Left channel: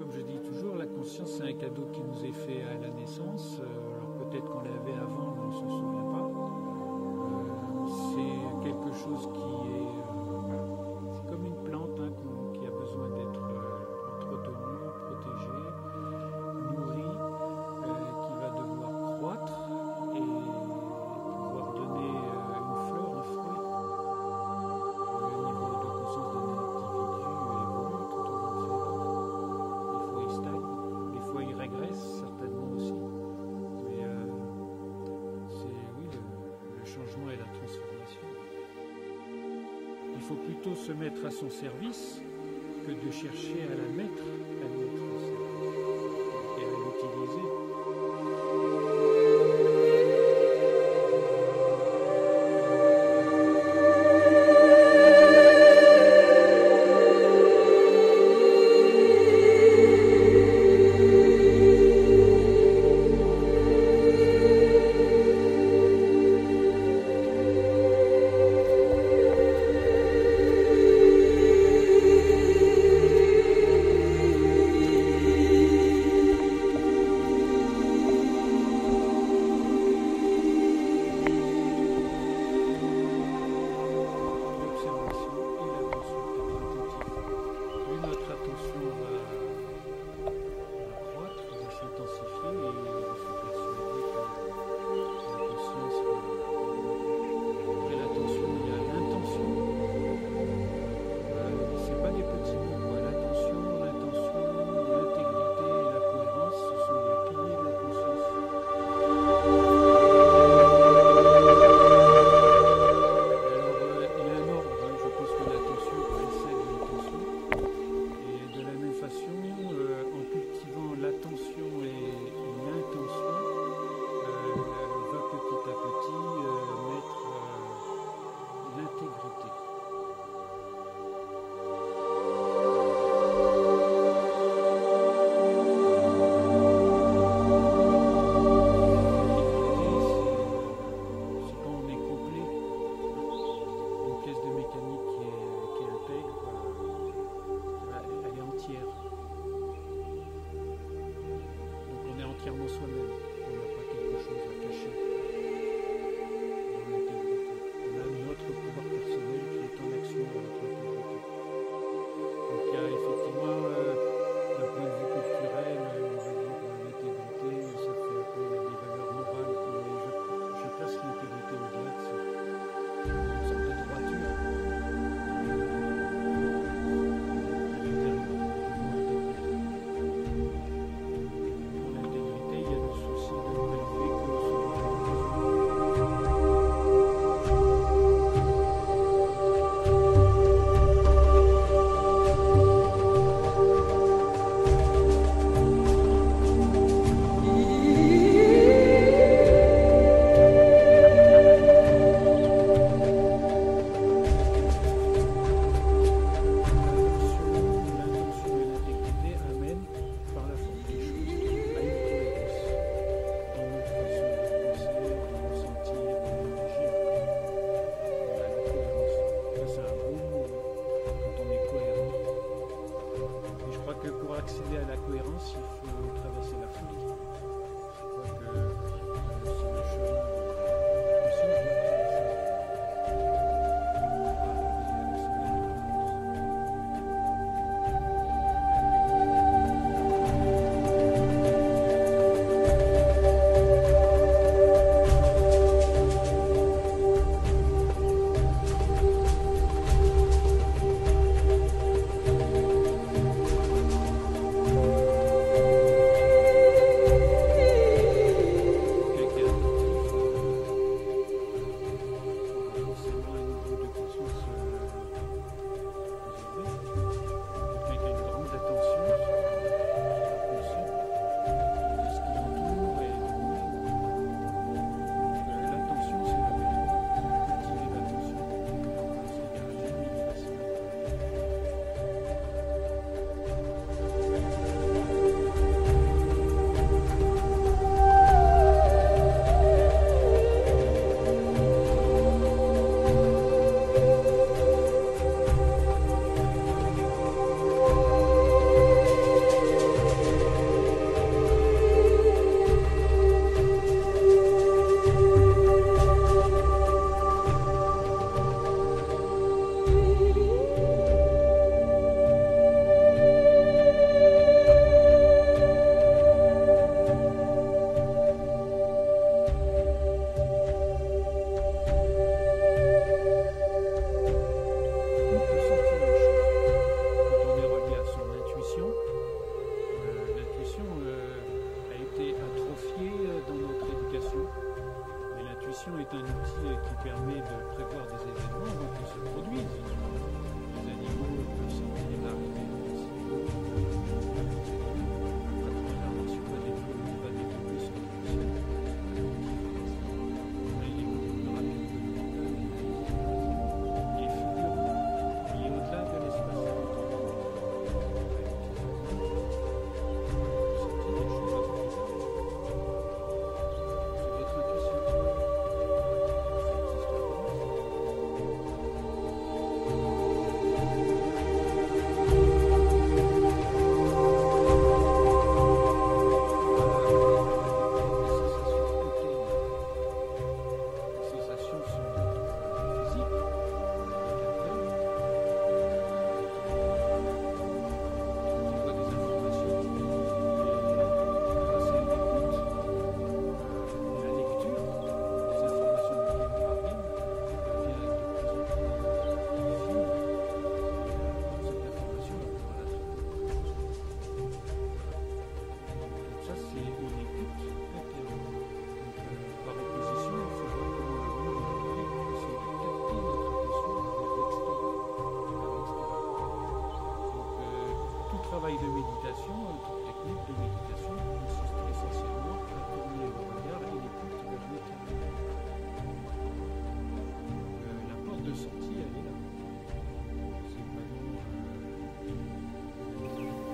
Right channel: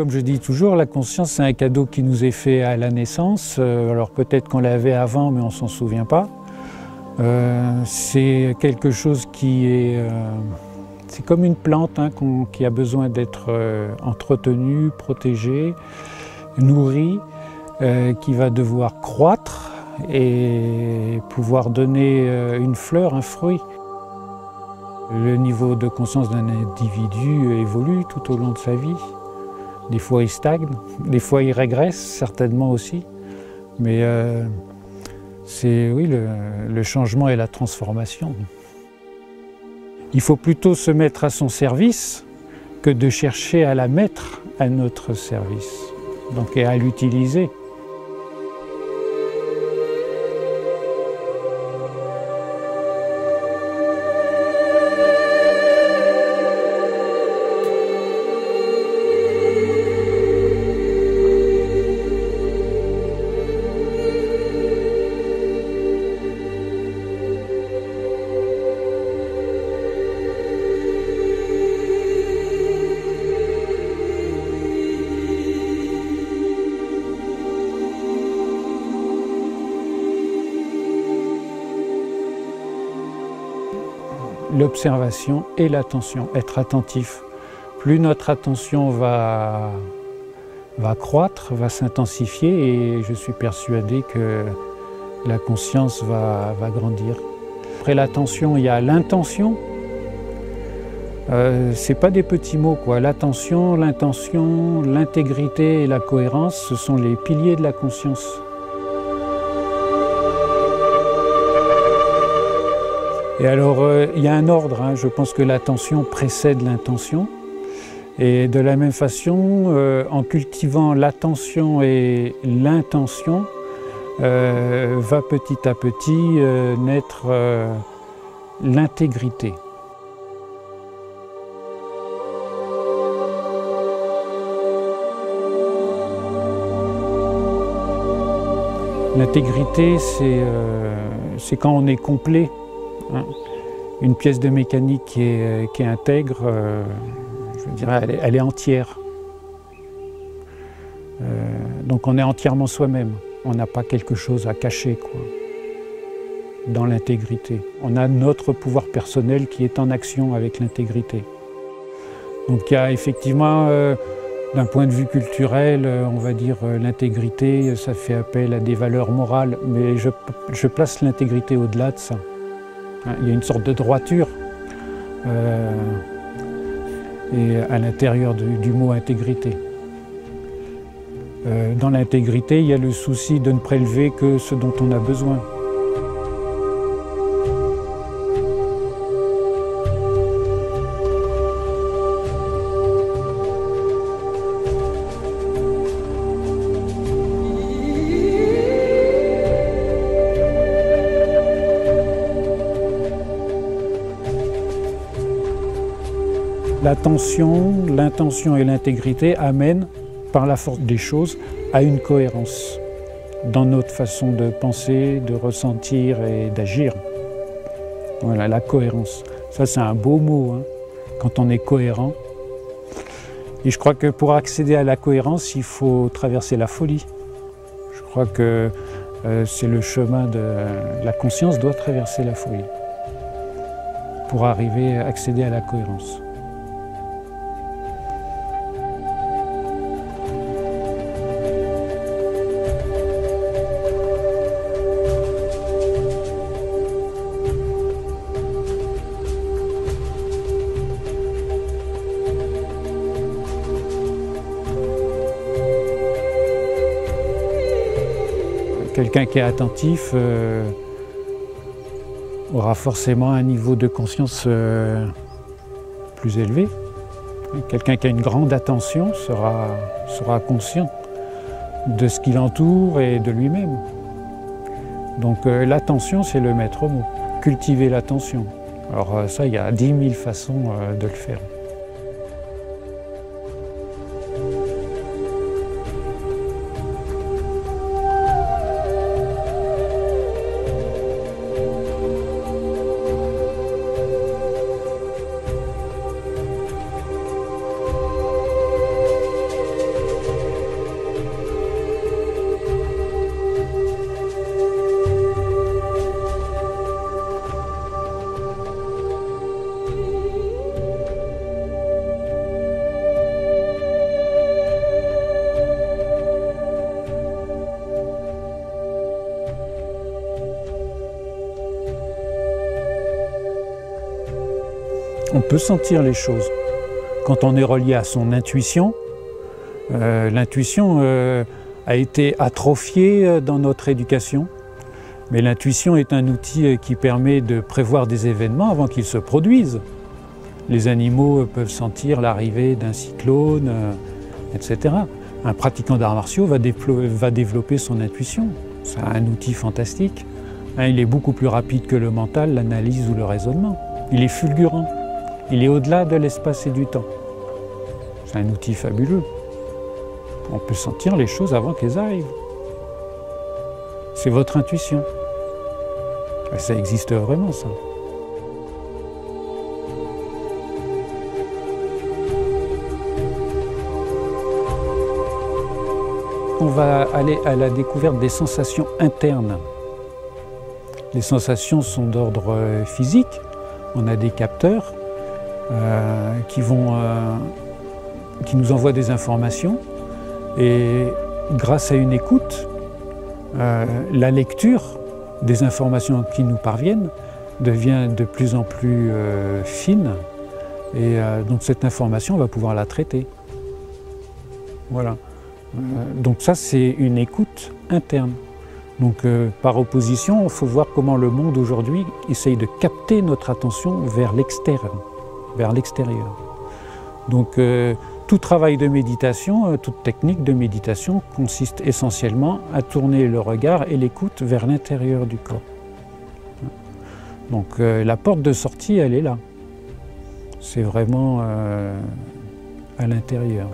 Comme je dis toujours, la conscience, c'est un cadeau qui nous est fait à la naissance. Alors peut-être qu'on l'avait avant, mais on ne s'en souvient pas. C'est quelque chose qui est... c'est comme une plante hein, qui a besoin d'être entretenue, protégée, nourrie, qui va devoir croître et pouvoir donner une fleur, un fruit. Le niveau de conscience d'un individu évolue tout au long de sa vie. Des fois il stagne, des fois il régresse, certainement aussi. Mais c'est oui, le changement et la transformation. Il faut plutôt se mettre à son service que de chercher à la mettre à notre service, donc et à l'utiliser. L'observation et l'attention, être attentif. Plus notre attention va croître, va s'intensifier et je suis persuadé que la conscience va grandir. Après l'attention, il y a l'intention. C'est pas des petits mots, quoi. L'attention, l'intention, l'intégrité et la cohérence, ce sont les piliers de la conscience. Et alors, il y a un ordre, hein. Je pense que l'attention précède l'intention. Et de la même façon, en cultivant l'attention et l'intention, va petit à petit naître l'intégrité. L'intégrité, c'est quand on est complet. Hein. Une pièce de mécanique qui est intègre, je dirais, elle est entière. Donc on est entièrement soi-même. On n'a pas quelque chose à cacher, quoi, dans l'intégrité. On a notre pouvoir personnel qui est en action avec l'intégrité. Donc il y a effectivement, d'un point de vue culturel, on va dire l'intégrité, ça fait appel à des valeurs morales, mais je place l'intégrité au-delà de ça. Il y a une sorte de droiture et à l'intérieur du mot intégrité. Dans l'intégrité, il y a le souci de ne prélever que ce dont on a besoin. L'attention, l'intention et l'intégrité amènent, par la force des choses, à une cohérence dans notre façon de penser, de ressentir et d'agir. Voilà, la cohérence. Ça, c'est un beau mot, hein, quand on est cohérent. Et je crois que pour accéder à la cohérence, il faut traverser la folie. Je crois que c'est le chemin de la conscience doit traverser la folie pour arriver à accéder à la cohérence. Quelqu'un qui est attentif aura forcément un niveau de conscience plus élevé. Quelqu'un qui a une grande attention sera conscient de ce qui l'entoure et de lui-même. Donc l'attention, c'est le maître mot. Cultiver l'attention. Alors ça, il y a 10 000 façons de le faire. On peut sentir les choses. Quand on est relié à son intuition, l'intuition a été atrophiée dans notre éducation, mais l'intuition est un outil qui permet de prévoir des événements avant qu'ils se produisent. Les animaux peuvent sentir l'arrivée d'un cyclone, etc. Un pratiquant d'arts martiaux va développer son intuition. C'est un outil fantastique. Il est beaucoup plus rapide que le mental, l'analyse ou le raisonnement. Il est fulgurant. Il est au-delà de l'espace et du temps. C'est un outil fabuleux. On peut sentir les choses avant qu'elles arrivent. C'est votre intuition. Ça existe vraiment, ça. On va aller à la découverte des sensations internes. Les sensations sont d'ordre physique. On a des capteurs qui nous envoient des informations. Et grâce à une écoute, la lecture des informations qui nous parviennent devient de plus en plus fine. Et donc cette information, on va pouvoir la traiter. Voilà. Donc ça, c'est une écoute interne. Donc par opposition, il faut voir comment le monde aujourd'hui essaye de capter notre attention vers l'extérieur. Donc tout travail de méditation, toute technique de méditation consiste essentiellement à tourner le regard et l'écoute vers l'intérieur du corps. Donc la porte de sortie, elle est là. C'est vraiment à l'intérieur.